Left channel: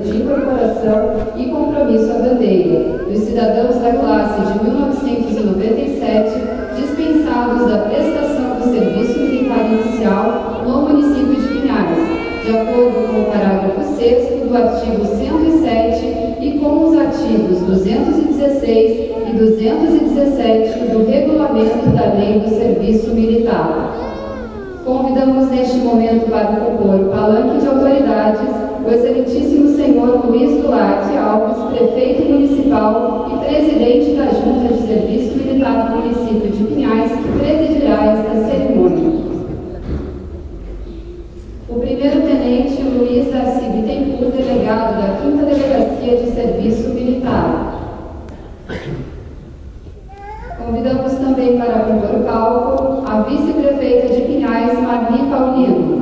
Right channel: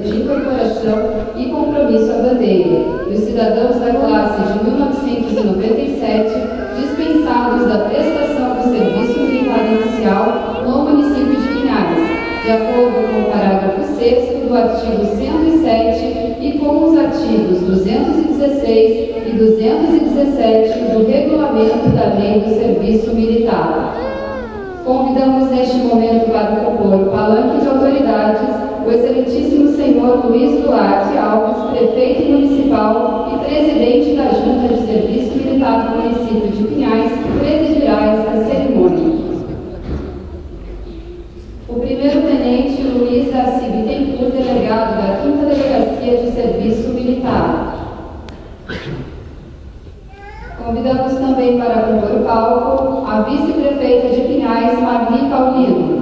de incorporação e compromisso à bandeira dos cidadãos da classe de 1997 dispensados da prestação do serviço militar inicial no município de Pinhais, de acordo com o parágrafo 6º do artigo 107 e com os artigos 216 e 217 do Regulamento da Lei do Serviço Militar. Convidamos neste momento para compor o palanque de autoridades o excelentíssimo senhor Luiz Duarte Alves, prefeito municipal e presidente da Junta de Serviço Militar do município de Pinhais, que presidirá esta cerimônia. O primeiro-tenente Luiz Darcy Bittencourt, delegado da 5ª Delegacia de Serviço Militar. Convidamos também para compor o palco a vice-prefeita de Pinhais, Marli Paulino.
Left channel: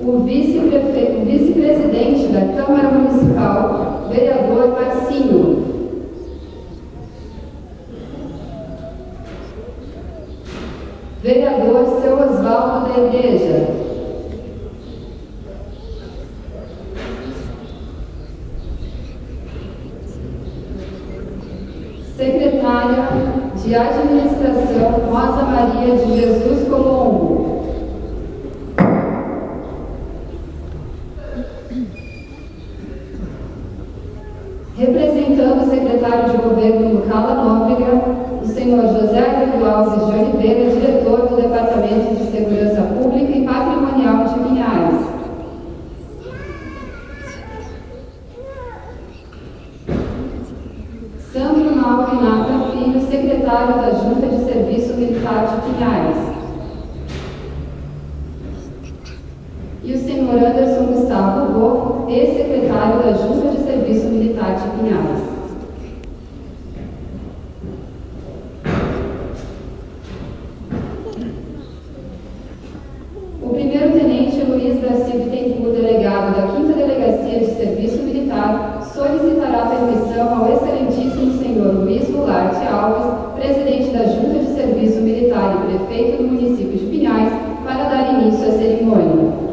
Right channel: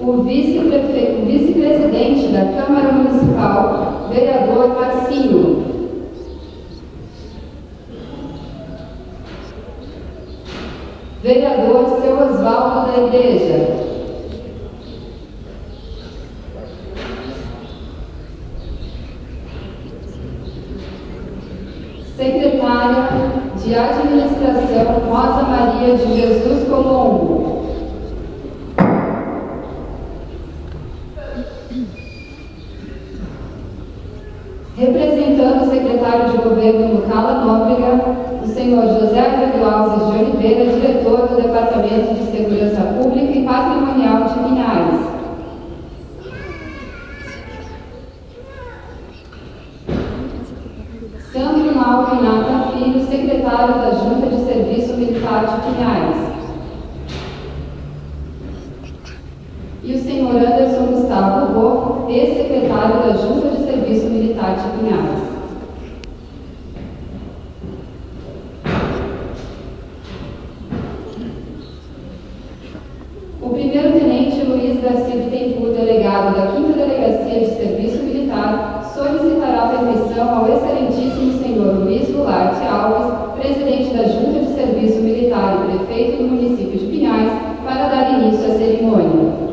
O vice-presidente da Câmara Municipal, vereador Marcinho. Vereador Seu Osvaldo da Igreja. Secretária de Administração, Rosa Maria de Jesus Colombo. Representando o secretário de Governo no Cala Nóbrega, o senhor José Arlindo Alves de Oliveira, diretor do Departamento de Segurança Pública e Patrimonial de Pinhais. Sandro Mauro Renata Filho, secretário da Junta de Serviço Militar de Pinhais. E o senhor Anderson Gustavo Bo, ex-secretário da Junta de Serviço Militar de Pinhais. O primeiro-tenente Luiz Darcy Bittencourt, delegado da 5ª Delegacia de Serviço Militar, solicitará permissão ao excelentíssimo senhor Luiz Duarte Alves, presidente da Junta de Serviço Militar e prefeito do município de Pinhais, para dar início à cerimônia.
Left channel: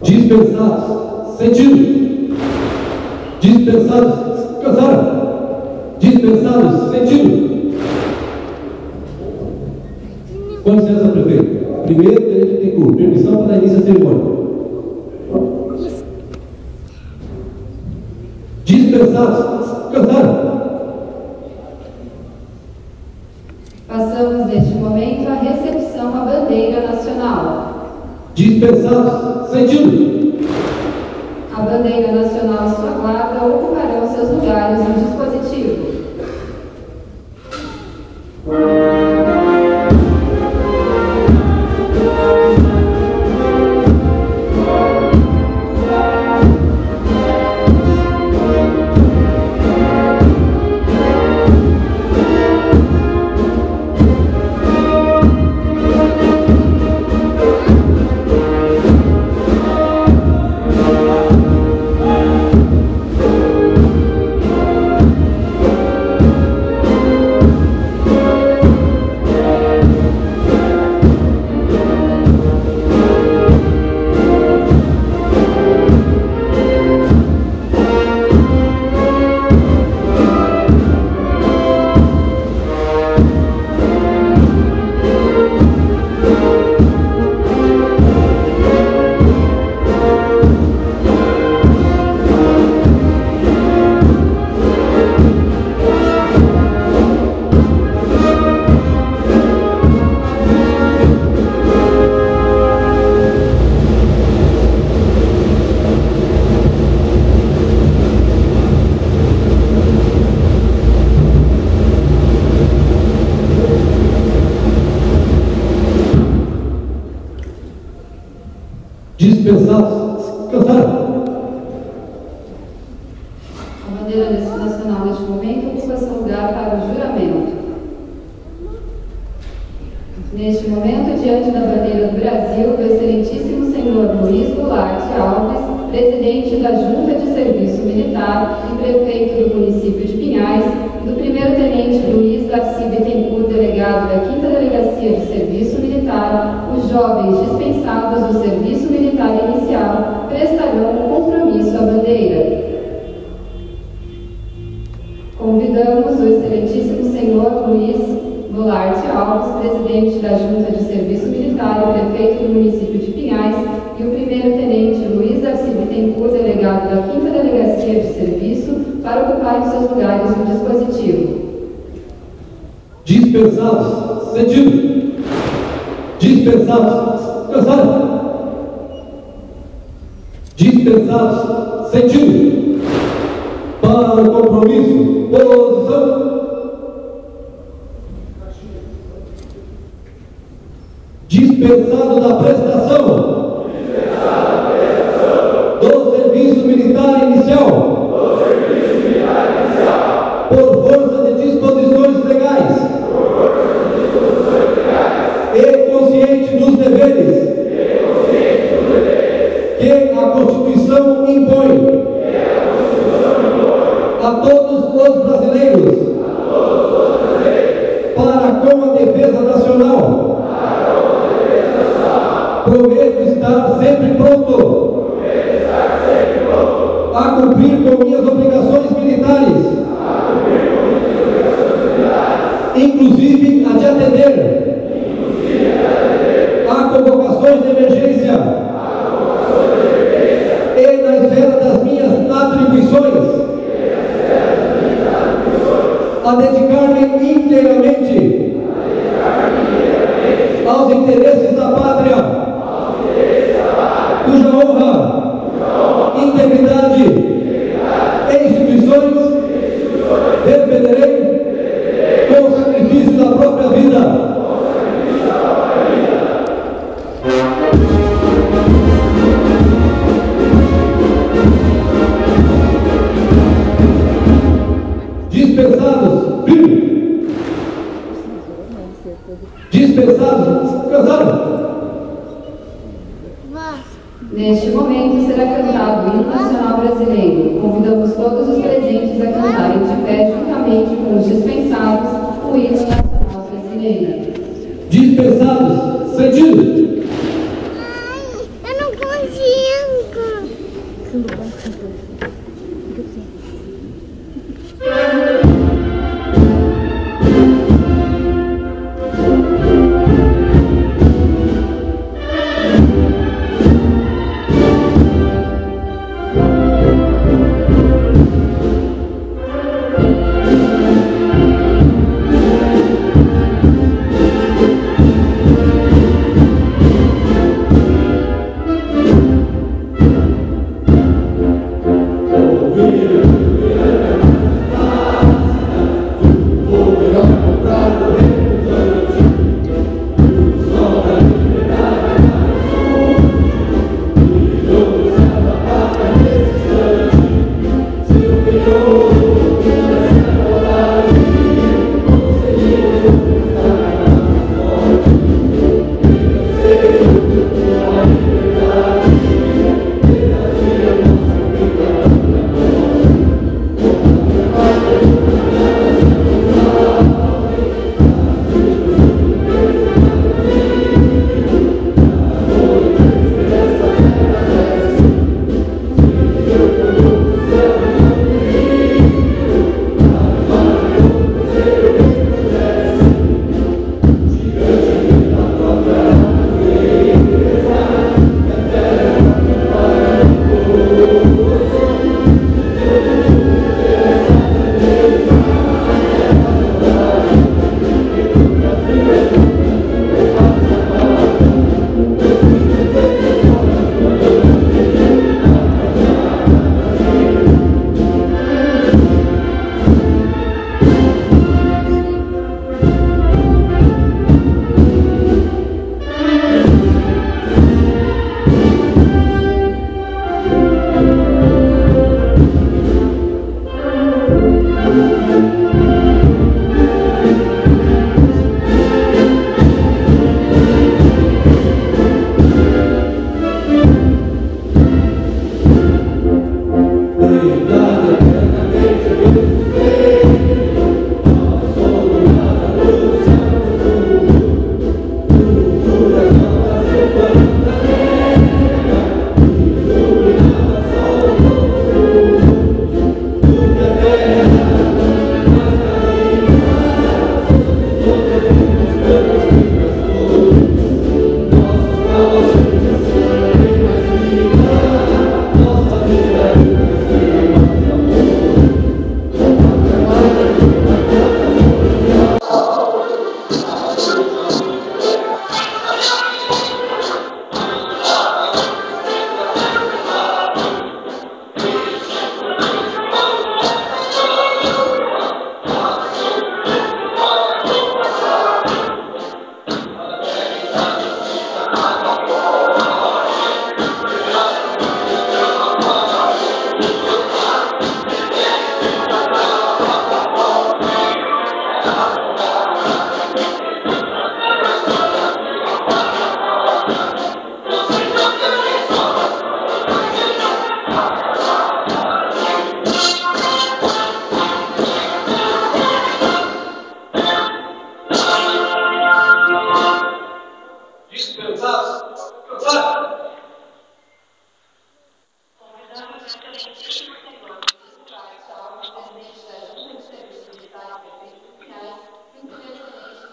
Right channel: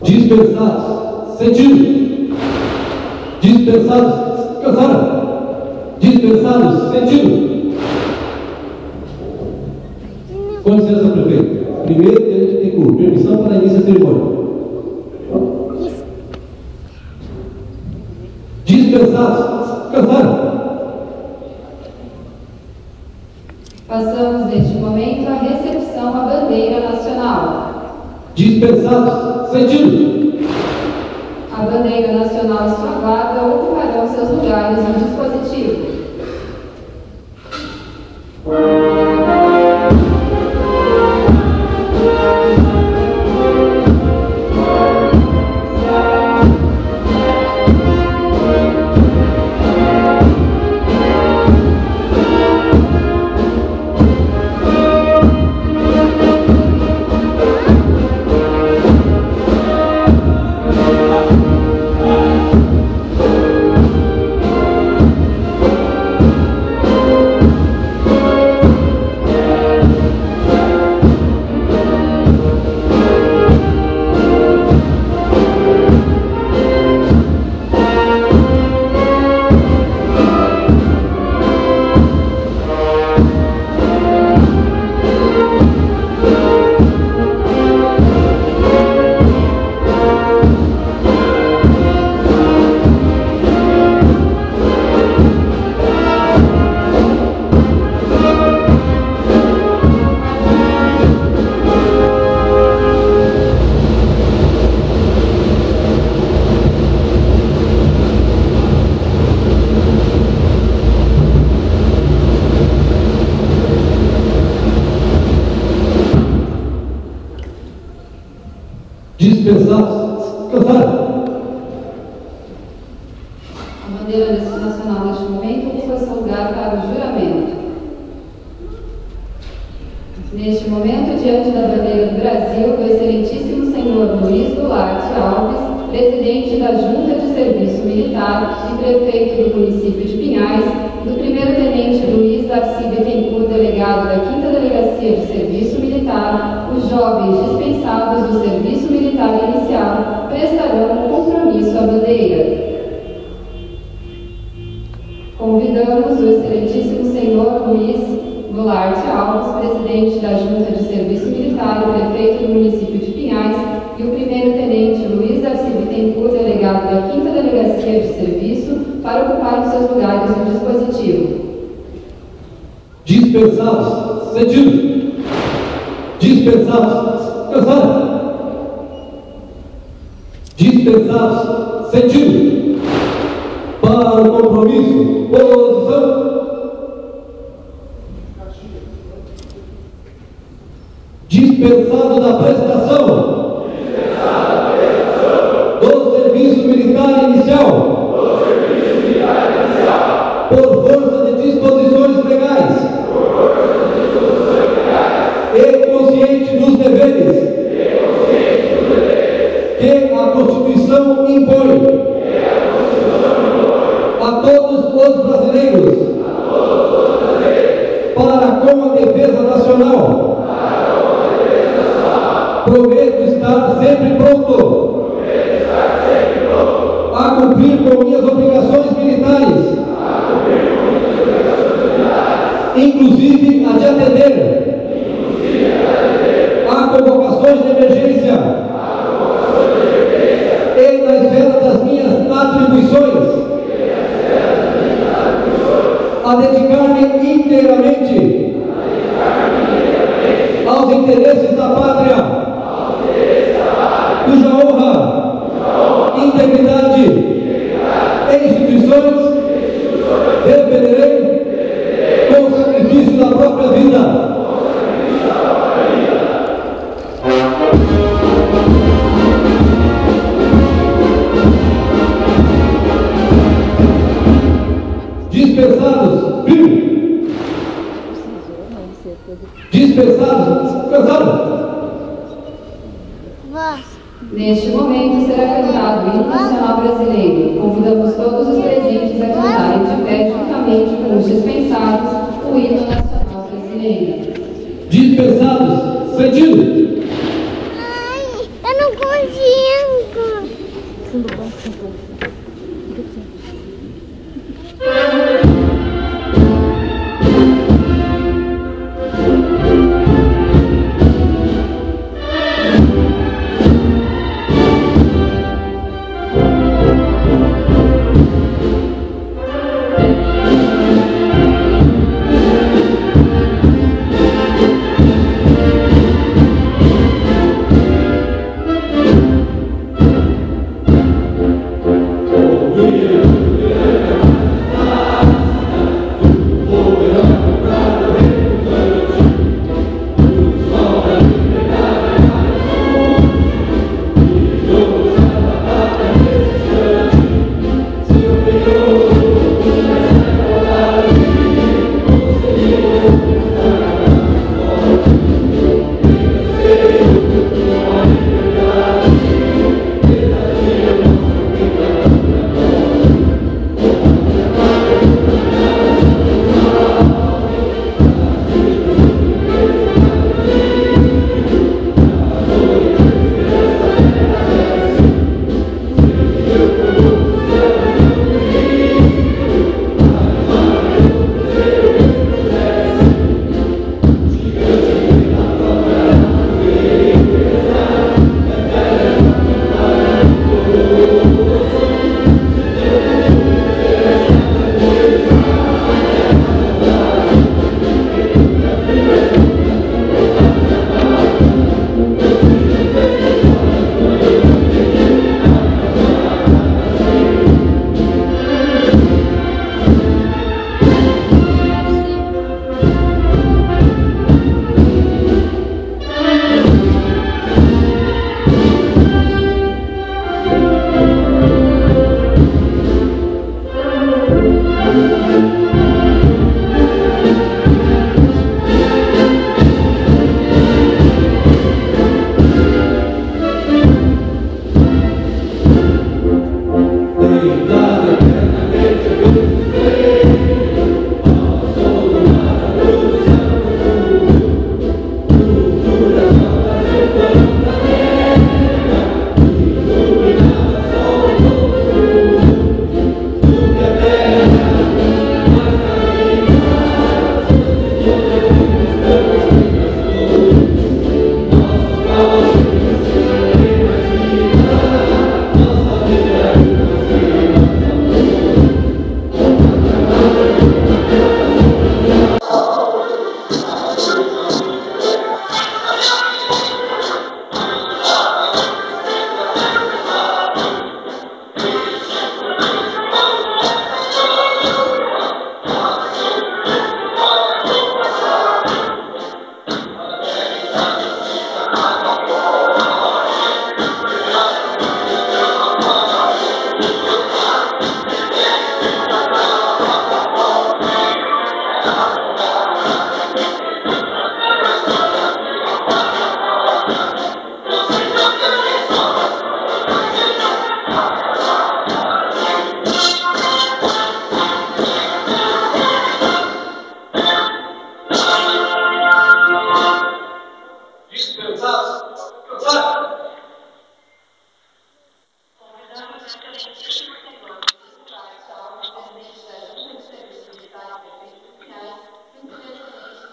Dispensados, sentido. Dispensados, casaram. Dispensados, sentido. Com licença, prefeito. Primeiro, tenente Bittencourt, permissão para dar início à cerimônia. Dispensados, casaram. Passamos neste momento à recepção à bandeira nacional. Dispensados, sentido. A bandeira nacional e sua guarda ocuparão seus lugares no dispositivo. Dispensados, casaram. A bandeira nacional neste momento ocupa seu lugar para o juramento. Neste momento, diante da bandeira do Brasil, do excelentíssimo senhor Luiz Duarte Alves, presidente da Junta de Serviço Militar e prefeito do município de Pinhais, e do primeiro-tenente Luiz Darcy Bittencourt, delegado da 5ª Delegacia de Serviço Militar, os jovens dispensados do Serviço Militar Inicial prestarão o compromisso à bandeira. Convidamos o excelentíssimo senhor Luiz Goulart Alves, presidente da Junta de Serviço Militar e prefeito do município de Pinhais, e o primeiro-tenente Luiz Darcy Bittencourt, delegado da 5ª Delegacia de Serviço, para ocuparem seus lugares no dispositivo. Dispensados, sentido. Dispensados, cansado. Dispensados, sentido. Para o compromisso, posição. Dispensado da prestação. Do serviço militar inicial. Por força de disposições legais. E consciente dos deveres. Que a Constituição impõe. A todos os brasileiros. Para com a defesa nacional. Prometo estar sempre pronto a cumprir com minhas obrigações militares, inclusive a de atender a convocações de emergência e na esfera das minhas atribuições, a dedicar-me inteiramente aos interesses da pátria, cuja honra, integridade e instituições defenderei com o sacrifício da própria vida. Dispensados, firme. Dispensados, casados. Neste momento será cantado o hino nacional brasileiro. Convidamos todos os presentes a cantarem de pé juntamente com os dispensados o hino nacional brasileiro. Dispensados, sentido. Ai, eu não consigo.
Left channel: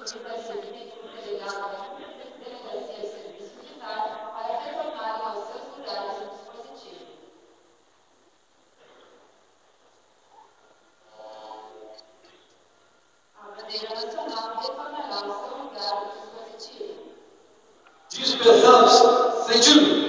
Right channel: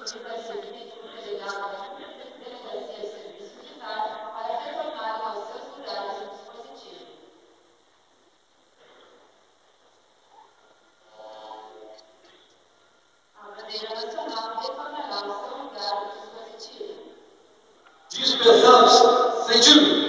solicitativamente por delegado da Delegacia de Serviço Militar para retornarem aos seus lugares no dispositivo. A bandeira nacional retornará ao seu lugar no dispositivo. Dispensados, sentido.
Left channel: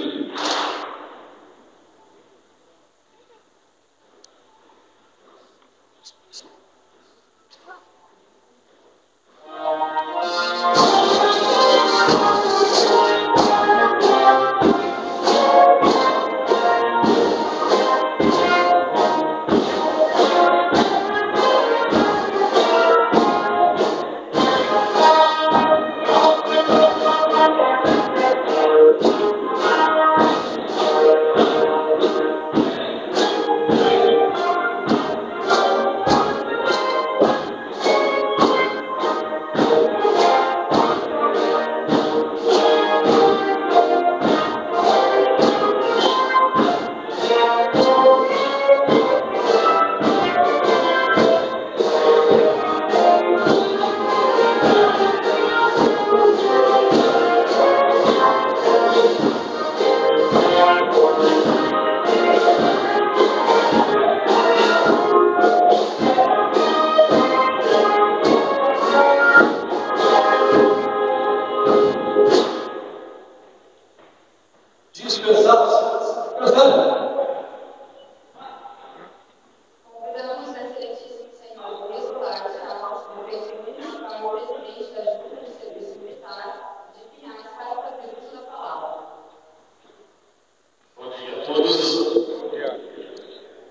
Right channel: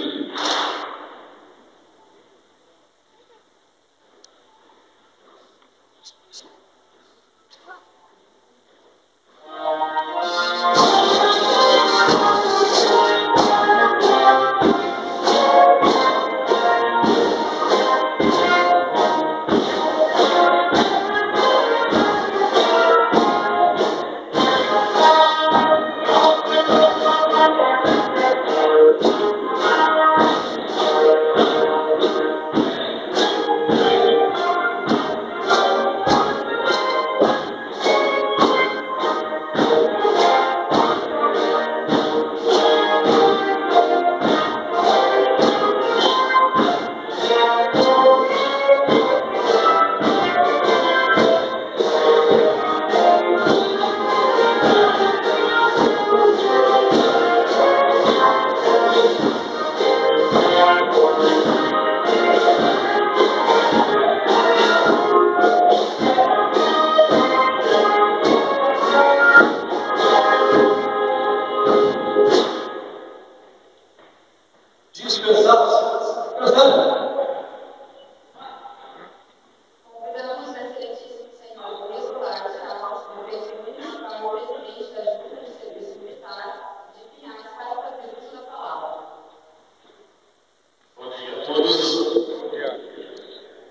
Convidamos a excelentíssimo senhor Luiz Goulart Chaves, prefeito municipal e presidente da Junta de Serviço Militar de Pinhais, para fazer uso da palavra. Bom dia a todos.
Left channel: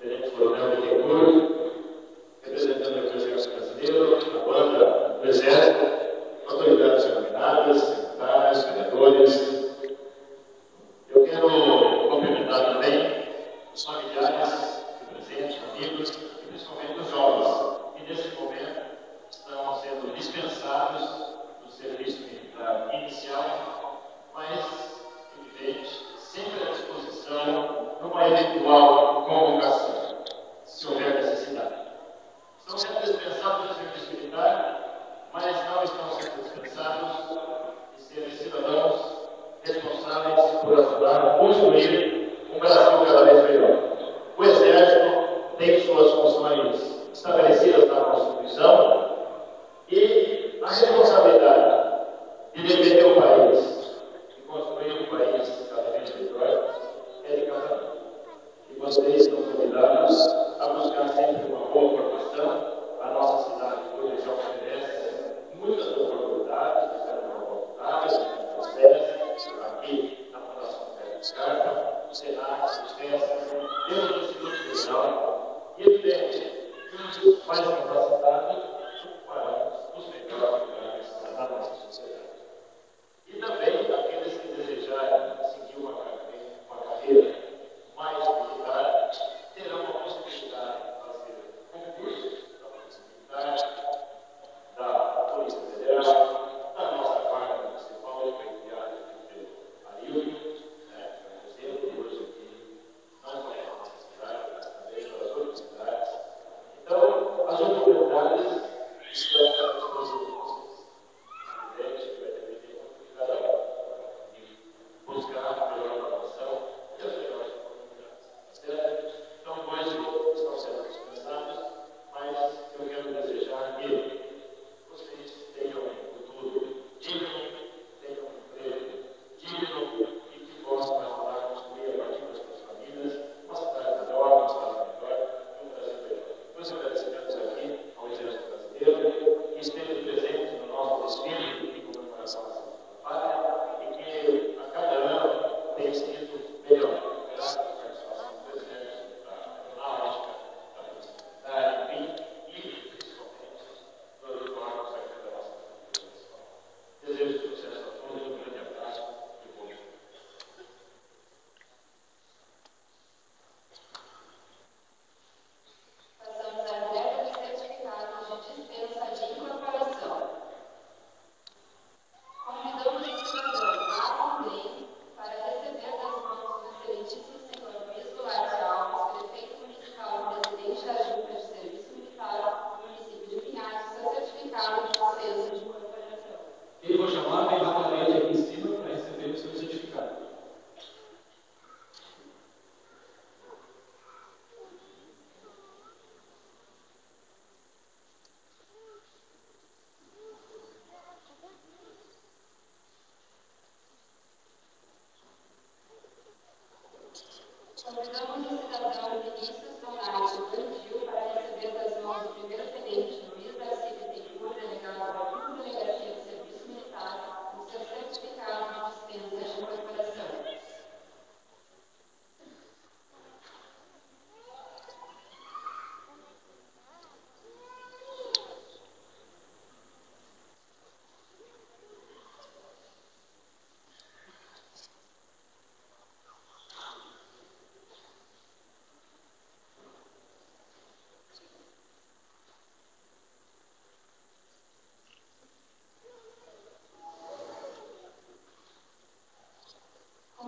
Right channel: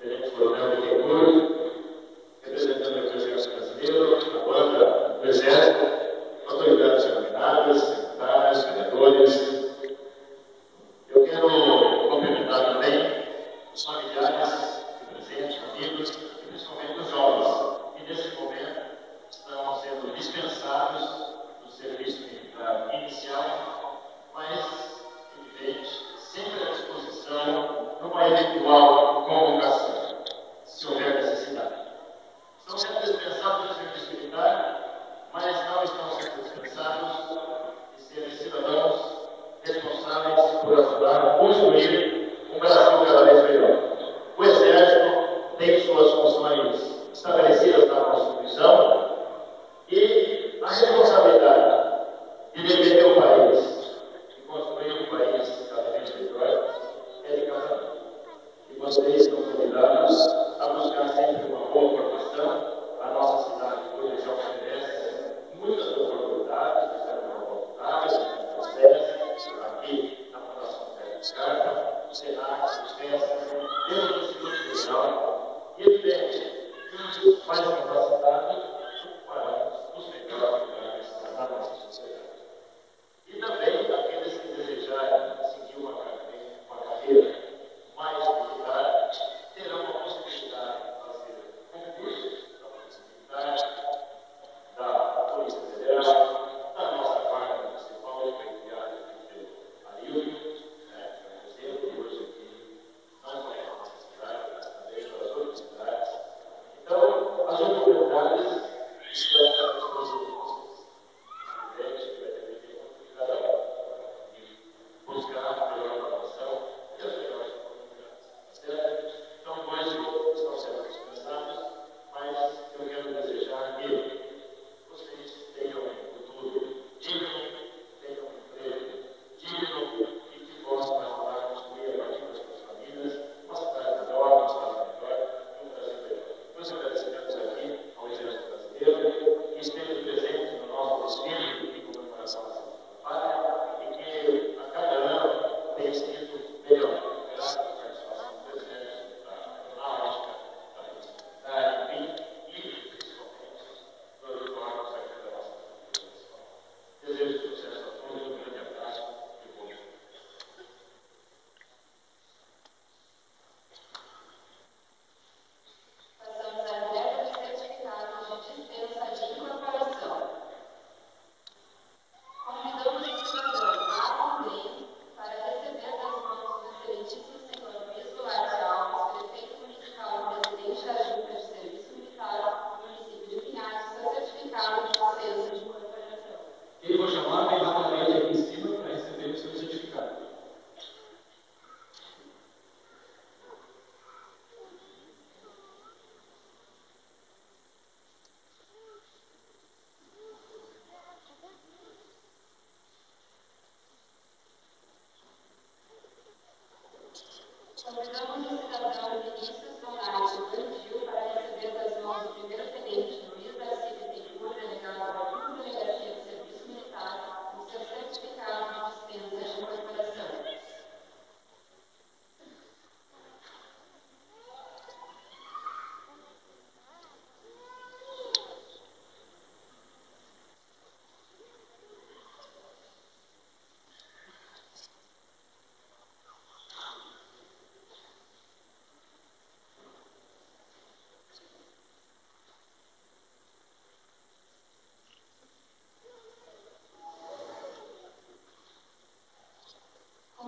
Tenente Coronel Bittencourt, representando o Exército Brasileiro, a banda do Exército, autoridades denominadas, secretários, vereadores. Eu quero cumprimentar também os familiares presentes, amigos e principalmente os jovens que nesse momento estão sendo dispensados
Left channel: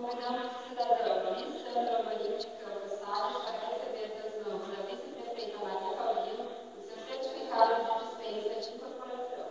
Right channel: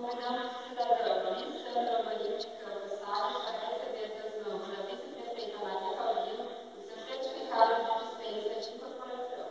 Convidamos o cidadão Luiz Sandro Amorim de Campos Salles para receber das mãos da vice-prefeita Maria Paulino o seu certificado de dispensa de incorporação.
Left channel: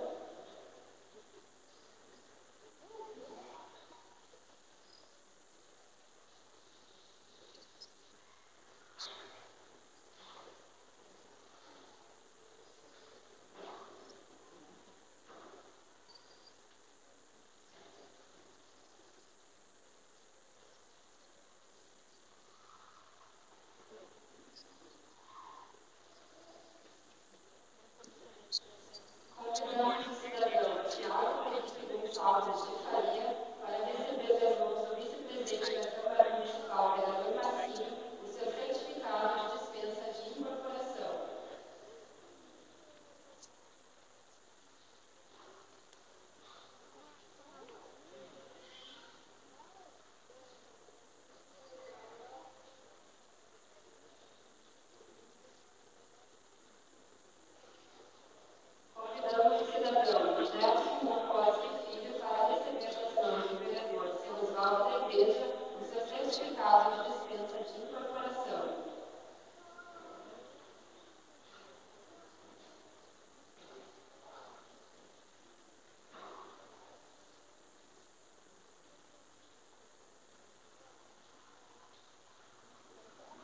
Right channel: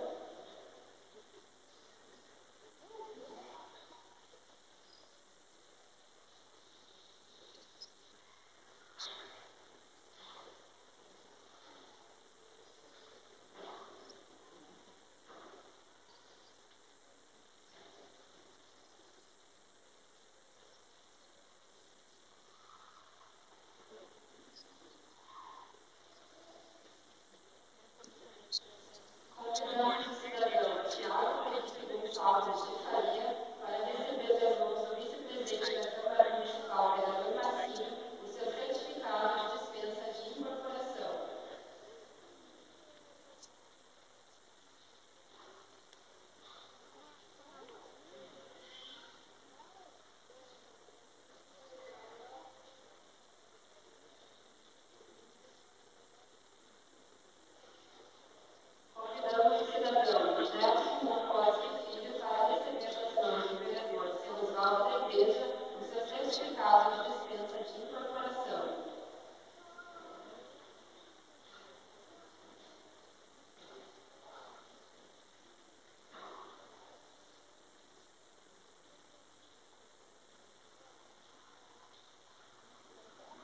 Convidamos o cidadão Tiago Felipe Gonçalves de Faria para receber das mãos do vice-presidente da Câmara Municipal, vereador Marcinho, o seu certificado de dispensa de incorporação. Convidamos o cidadão Nelson Moncosi Filho para receber das mãos do vereador seu Osvaldo da Igreja o seu certificado de dispensa de incorporação.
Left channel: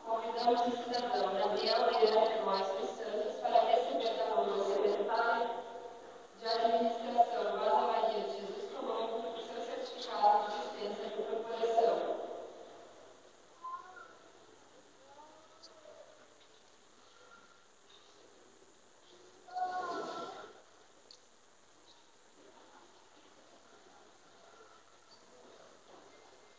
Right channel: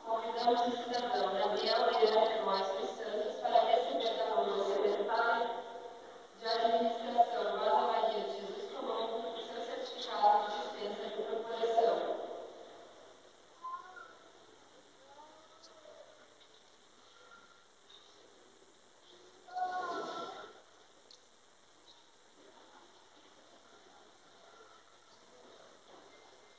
Convidamos o cidadão Daniel Guilherme Góes dos Santos para receber da mão do secretário de Administração Rosa Maria de Jesus Colombo o seu certificado de dispensa de incorporação.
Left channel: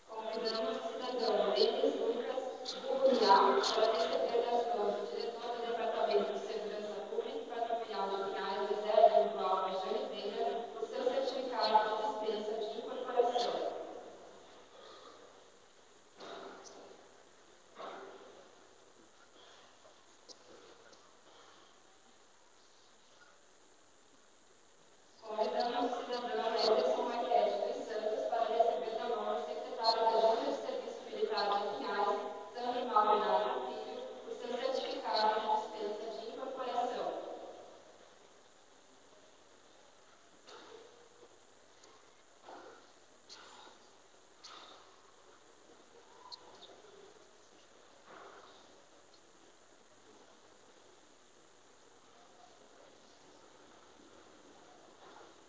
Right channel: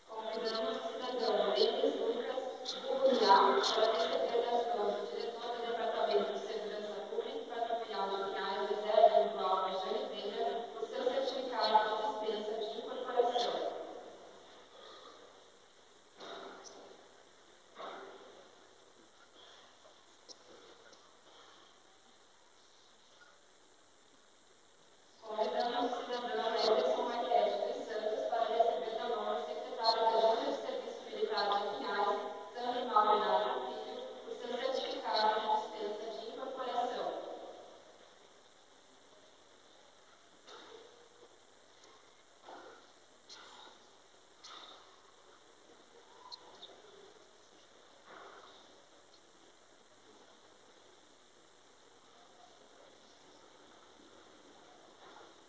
Convidamos o cidadão Denis Lucas de Cunhal para receber das mãos do diretor do Departamento de Segurança Pública e Patrimonial de Pinhais, José Lino Alves de Oliveira, o seu certificado de dispensa de incorporação. Convidamos o cidadão Ederson Marquete dos Santos para receber da mão do secretário da Junta de Serviço Militar de Pinhais, Sandro Malvinato Filho, o seu certificado de dispensa de incorporação.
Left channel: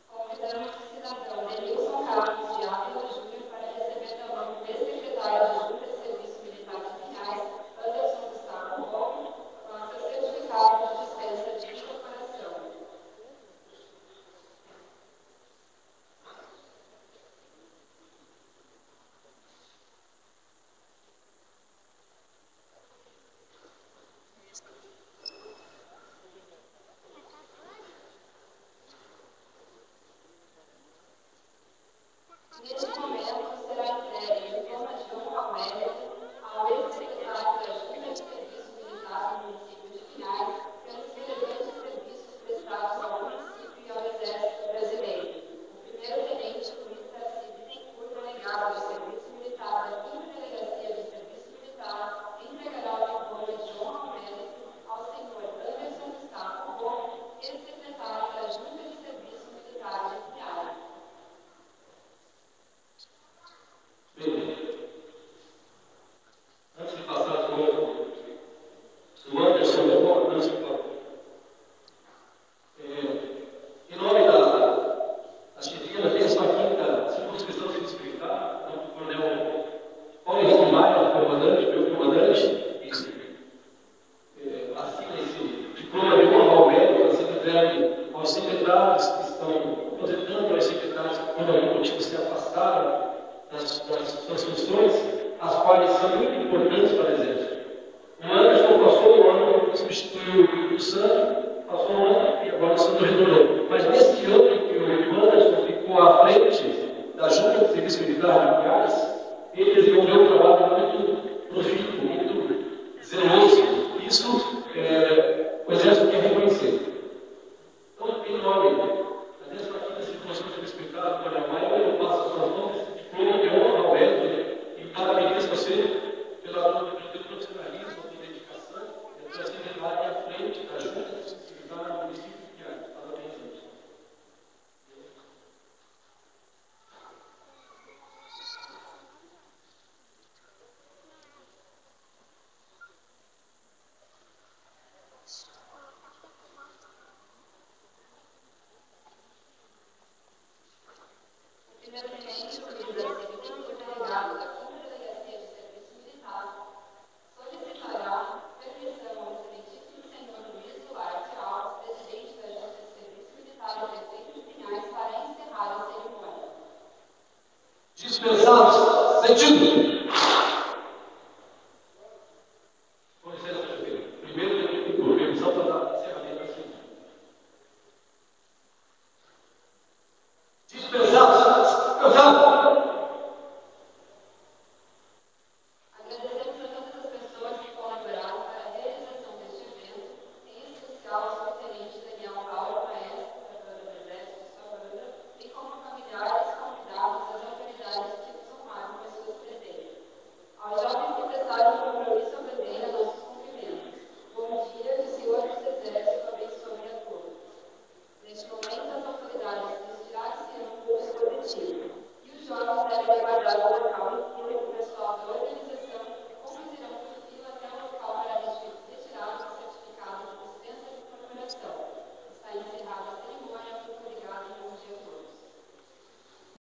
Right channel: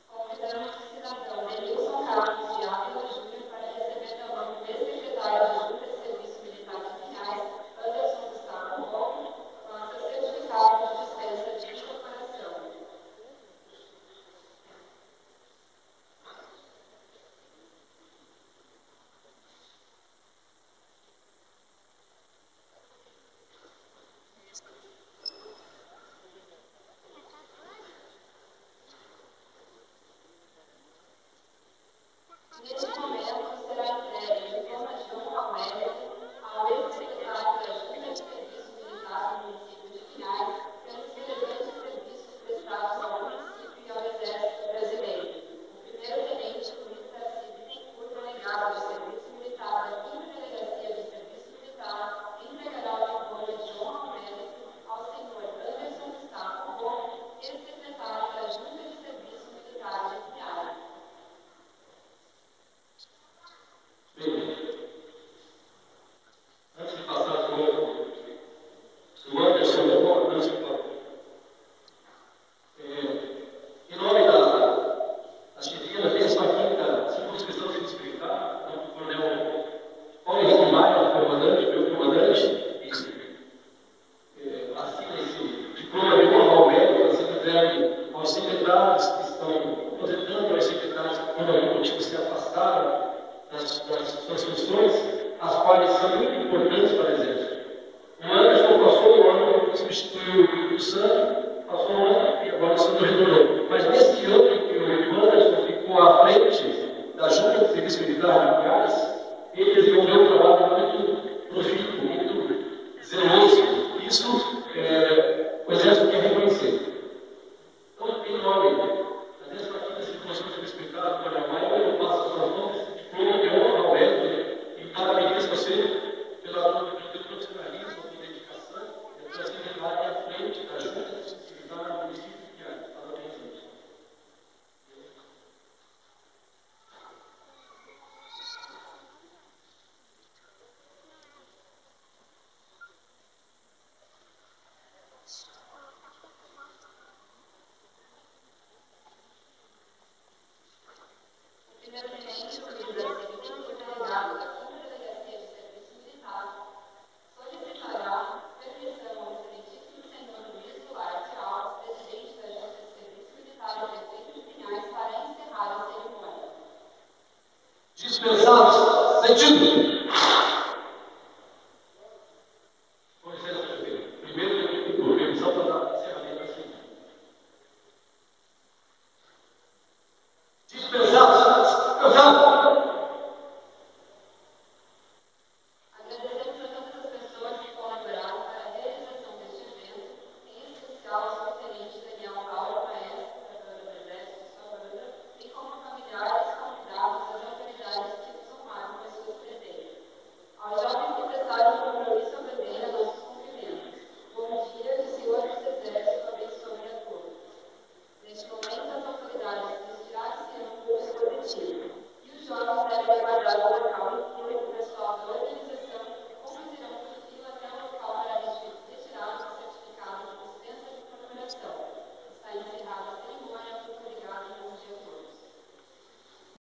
Convidamos o cidadão Denilson Carlos de Ávila Júnior para receber da mão do ex-secretário da Junta de Serviço Militar de Pinhais, Anderson Gustavo Rouco, com o seu certificado de dispensa de incorporação. Neste momento, será entregue o diploma de honra ao mérito ao ex-secretário da Junta de Serviço Militar do município de Pinhais pelos relevantes serviços prestados ao município e ao Exército Brasileiro. O primeiro-tenente Luiz Tarcísio Bittencourt, delegado do Serviço Militar da 5ª Delegacia de Serviço Militar, entregará o diploma de honra ao mérito ao senhor Anderson Gustavo Rouco, ex-secretário da Junta de Serviço Militar de Pinhais. Antes de passar o Anderson, antes de falar, em nome da chefia da 15ª Circunscrição Serviço Militar, o coronel Paulo Henrique Maia, comandante, meu comandante, assina esse diploma de honra ao mérito a ser entregue aos secretários que estão aposentando, aos secretários que, por algum motivo, se afastaram das suas funções, as quais são muito importantes para o Exército. O Anderson passou um ano, substituiu o Sandro, passou um ano e agora o Sandro retornou. Mas nesse ano em que o Anderson ficou à frente da Junta de Serviço Militar de Pinhais, ele desenvolveu um trabalho muito profícuo, muito zeloso. Isso o Exército quer reconhecer. Então, em nome da 15ª Circunscrição Serviço Militar do Coronel Maia, eu passo as suas mãos esse diploma de honra ao mérito e para pesados, sentindo.